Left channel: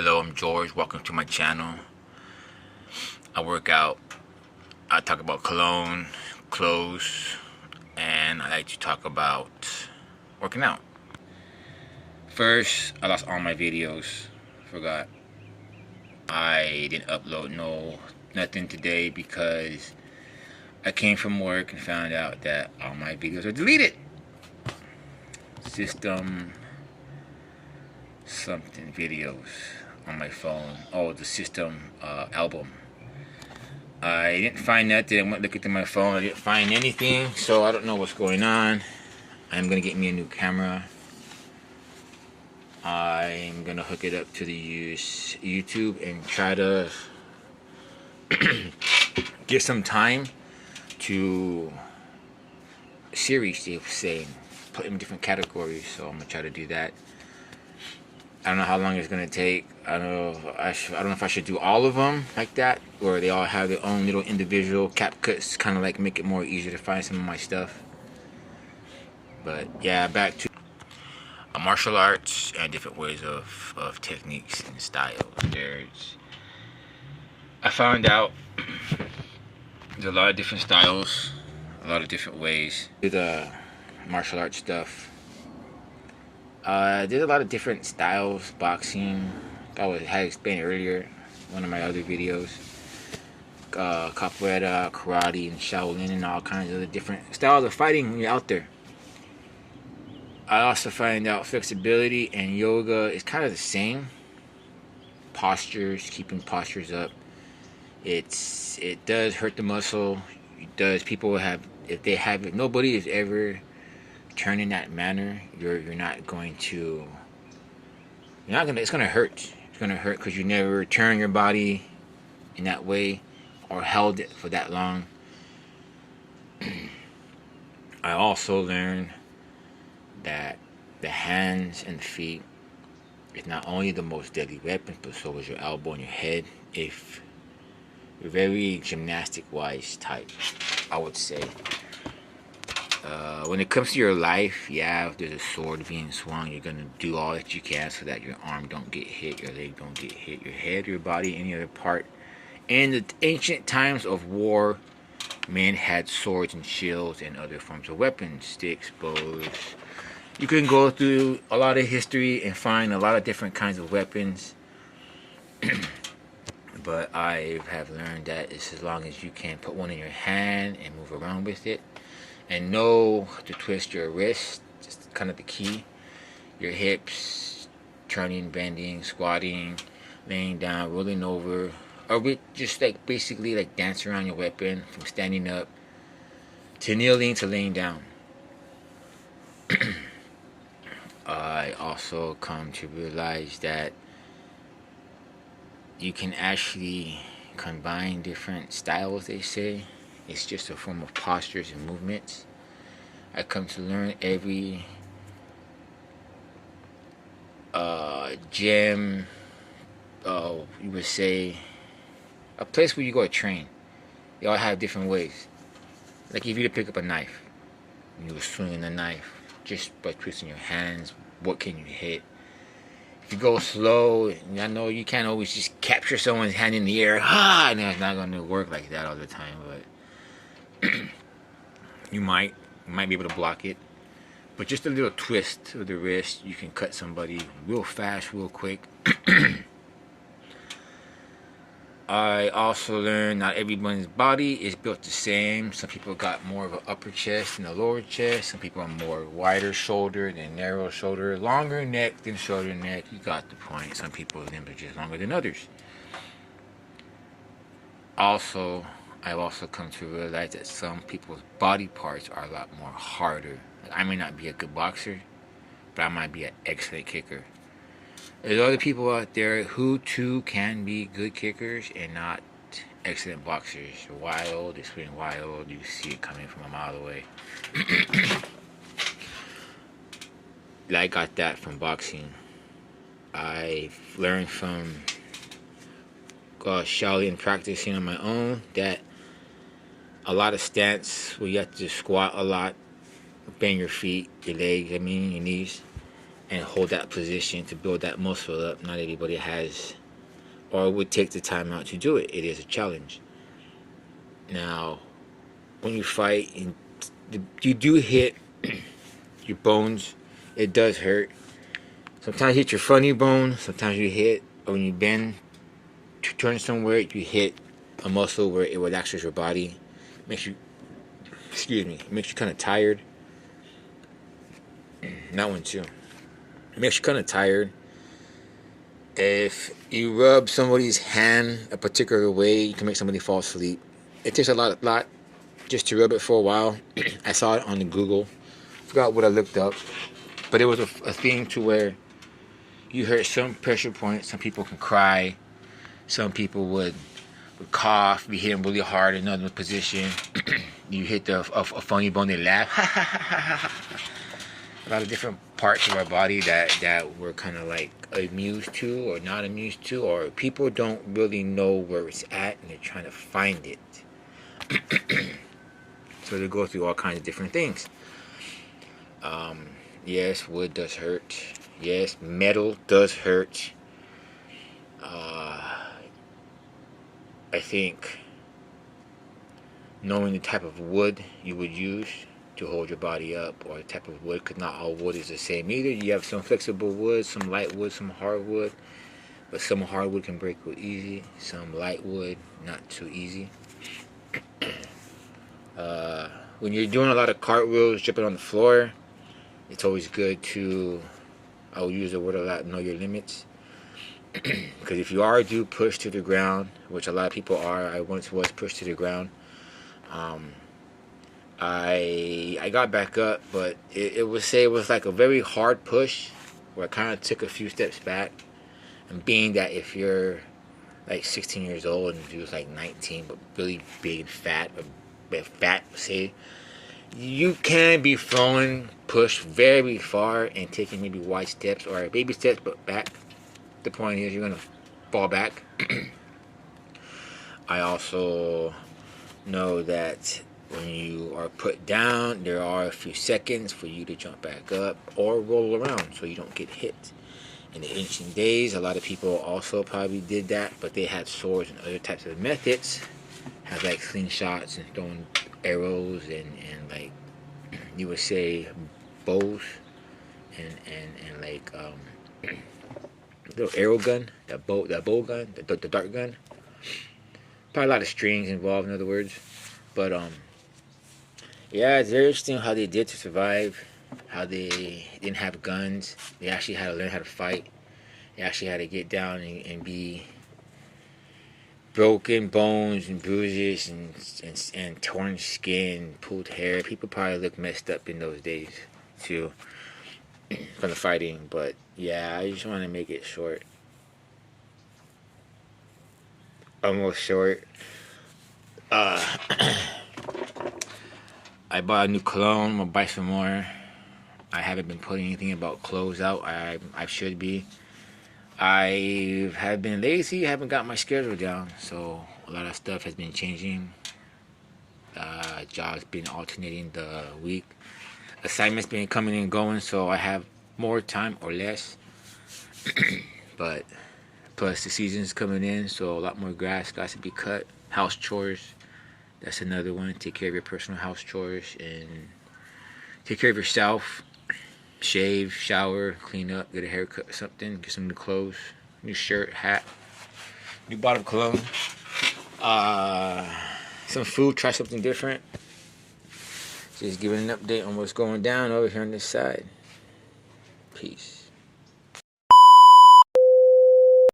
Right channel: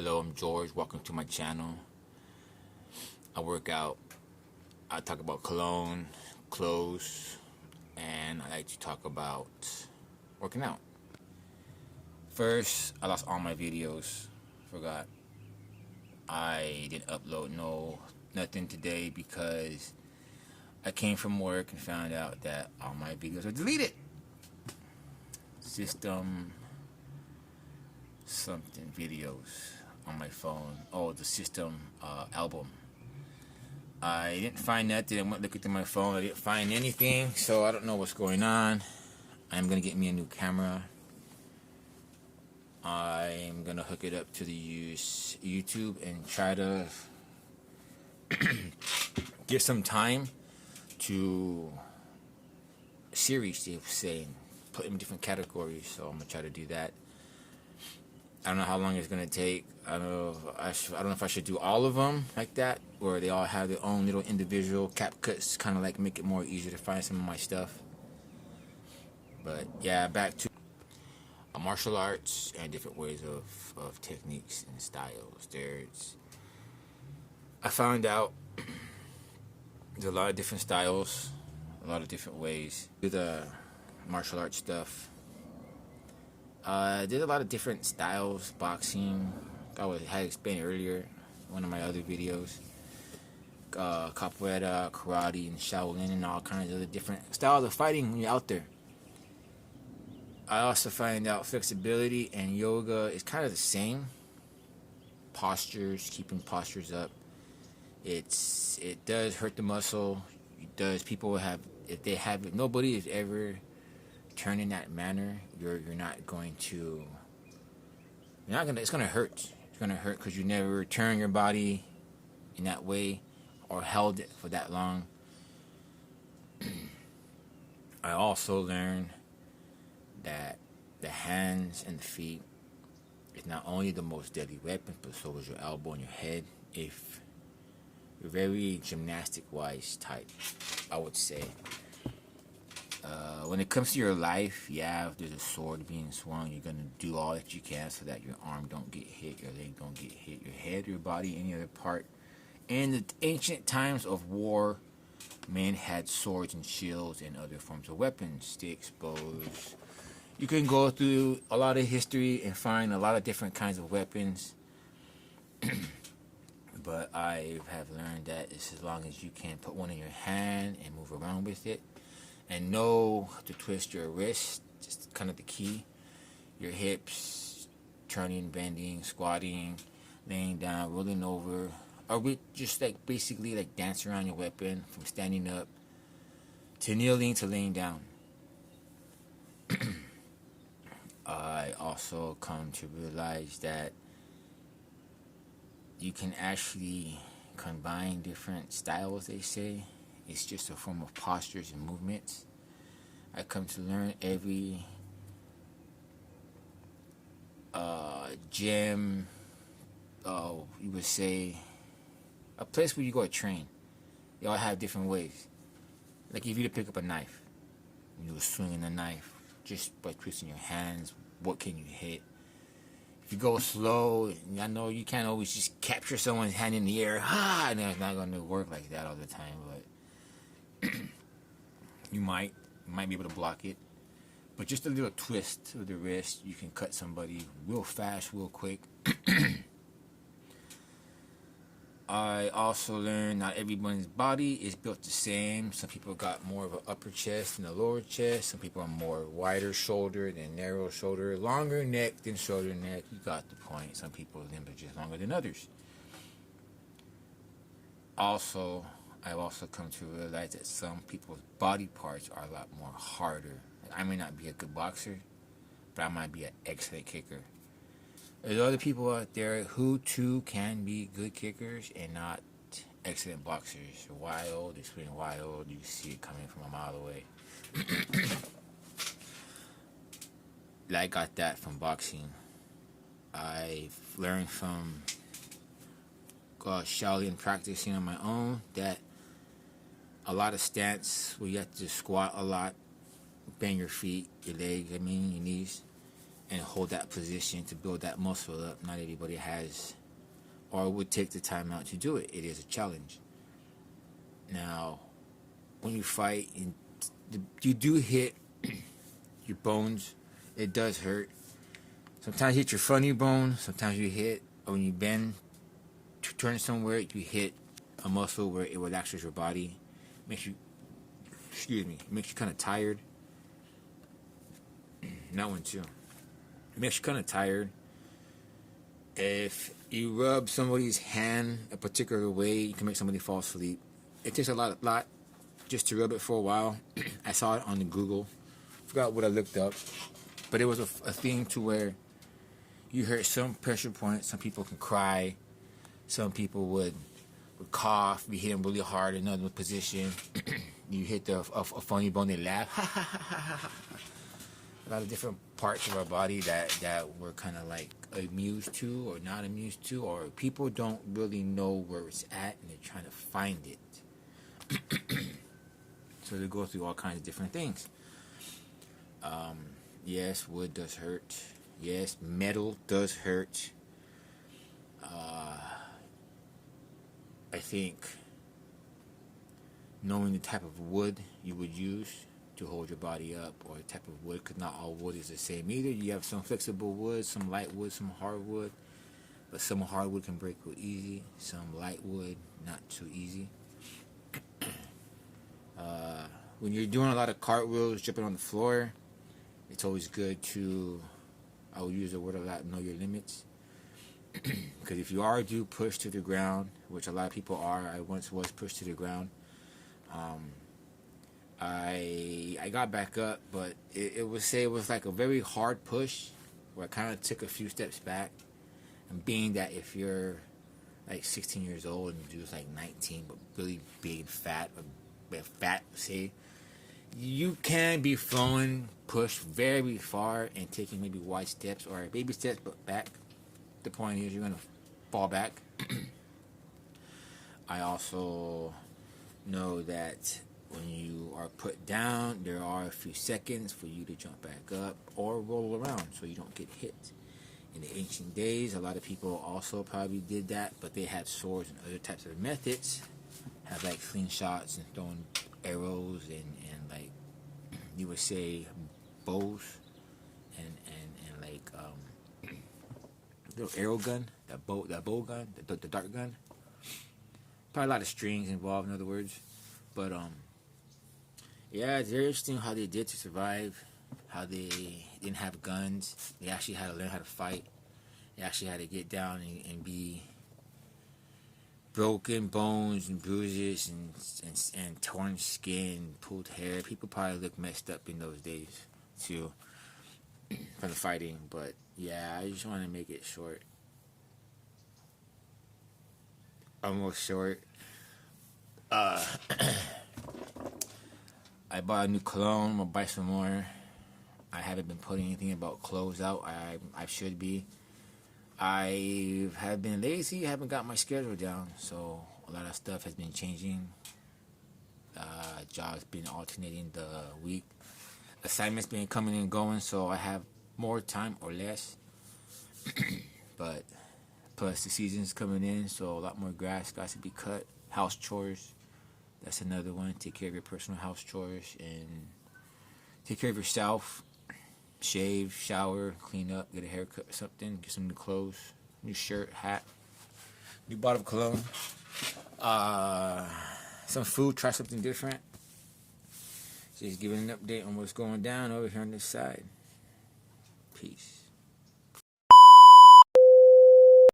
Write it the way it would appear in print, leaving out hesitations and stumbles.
Hello, I'm George. Welcome to my channel. I work out. I talk about cologne, clothes, and I like to talk about working out. First, I lost all my videos. Forgot. I didn't upload nothing today because I came from work and found out that all my videos are deleted. System something videos on my phone. Oh, the system album. I didn't find nothing. I went looking through my phone. I didn't find anything, so I don't know what's going on. I'm gonna get me a new camera. I'm gonna hook it up to the YouTube and try to get some time to series, they say, put in different categories. So I'm gonna try to do that. I don't know how long it's gonna take. I don't know. I don't know if I should do all of them like that, or they all have their own little individual cap cuts, kind of like make it more easier to find some of my stuff. But yeah, back to martial arts and different ways of techniques and styles. I found out there's a lot of different styles, a lot of different ways to the martial arts stuff. There's a lot of different styles, boxing. I had explained earlier in one of my other videos. Capoeira, karate, and Shaolin, and all kinds of different styles of fighting when you're out there. I also find out flexibility and yoga is kind of the same. Postures, keeping postures up. It does hurt the muscle. It does. People have, if nobody is ever turned in that manner, you're not going to. You're not gonna. It's gonna hurt. It's gonna hurt because you never turn your body in that way or held it for that long. I also learned that the hands and the feet is not only the most deadly weapon, but so is your elbow and your head. If you're very gymnastic-wise type, I would say. When it comes to your life, yeah, if there's a sword being swung, you're gonna do all that you can so that your arm don't get hit, your leg don't get hit, your head, your body, any other part. In the ancient times of war, men had swords and shields and other forms of weapons, sticks, bows. You can go through a lot of history and find a lot of different kinds of weapons. But I have learned that it's as long as you can put one in your hand and move around with it and know to twist your wrist, just kind of the key. Your hips, turning, bending, squatting, laying down, rolling over, or just like basically like dance around your weapon from standing up to kneeling to laying down. I also come to realize that you can actually combine different styles, they say. It's just a form of postures and movements. I come to learn every gym, you would say, a place where you go to train. They all have different ways. Like if you to pick up a knife, you were swinging the knife just by twisting your hands. What can you hit? If you go slow, I know you can't always just capture someone's hand in the air. And it's not going to work like that all the time. But you might be able to block it. But just a little twist of the wrist, you can cut somebody real fast, real quick. I also learned not everyone's body is built the same. Some people got more of an upper chest than a lower chest. Some people are more wider shoulder than narrow shoulder. Longer neck than shorter neck. You got the point. Some people's limbs are just longer than others. Also, I've also come to realize that some people's body parts are a lot more harder. Like I may not be a good boxer, but I might be an excellent kicker. There's other people out there who too can be good kickers and not excellent boxers. Wild, they swing wild. You see it coming from a mile away. I got that from boxing. I've learned from Shaolin practicing on my own that a lot of stance where you have to squat a lot, bend your feet, your legs, your knees. and hold that position to build that muscle up. Not everybody has or would take the time out to do it. It is a challenge. Now, when you fight, you do hit your bones. It does hurt. Sometimes you hit your funny bone. Sometimes you hit, or when you bend to turn somewhere, you hit a muscle where it relaxes your body. Makes you, excuse me, makes you kind of tired. That one too. It makes you kind of tired. If you rub somebody's hand a particular way, you can make somebody fall asleep. It takes a lot just to rub it for a while. I saw it on the Google. Forgot what I looked up, but it was a thing to where you hurt some pressure points. Some people can cry. Some people would cough. Be hitting really hard in another position. You hit a funny bone, they laugh. A lot of different parts of our body that we're kind of like amused to or not amused to, or people don't really know where it's at and they're trying to find it. So they go through all kinds of different things. Yes, wood does hurt. Yes, metal does hurt. I think knowing the type of wood you would use to hold your body up, or the type of wood, because not all wood is the same either. You have some flexible wood, some light wood, some hardwood, but some hardwood can break real easy. Some light wood, not too easy. When you're doing a lot of cartwheels, jumping on the floor, it's always good to, I will use the word a lot, know your limits. Because if you do push to the ground, which a lot of people are, I once was pushed to the ground. I got back up, but it was like a very hard push, where I kind of took a few steps back. And being that if you're like 16 years old and you was like 19, but really big and fat, say, you can be throwing push very far and taking maybe wide steps or baby steps, but back. The point is you're gonna fall back. I also know that when you are put down, there are a few seconds for you to jump back up or roll around so you don't get hit. In the ancient days, a lot of people also probably did that, but they had swords and other types of methods. Have like slingshots and throwing arrows and like you would say bows and like little arrow gun, that bow gun, the dart gun. Probably a lot of strings involved, in other words. But yeah, it's very interesting how they did to survive. How they didn't have guns. They actually had to learn how to fight. They actually had to get down and be broken bones and bruises and torn skin, pulled hair. People probably looked messed up in those days too from the fighting. But yeah, I just want to make it short. Almost short. I bought a new cologne. I'm gonna buy some more. I haven't been putting anything about clothes out. I should be. I have been lazy. Haven't got my schedule down, so a lot of stuff has been changing. Jobs been alternating the week. Assignments been coming and going, so I have more time or less. But plus the season's coming in, so a lot more grass got to be cut. House chores. That's another one. Take care of your personal house chores and take care of yourself. Shave, shower, clean up, get a haircut or something, get some new clothes, new shirt, hat, new bottle of cologne, some food, try something different. Just giving an update on what's going down over here on this side. Peace.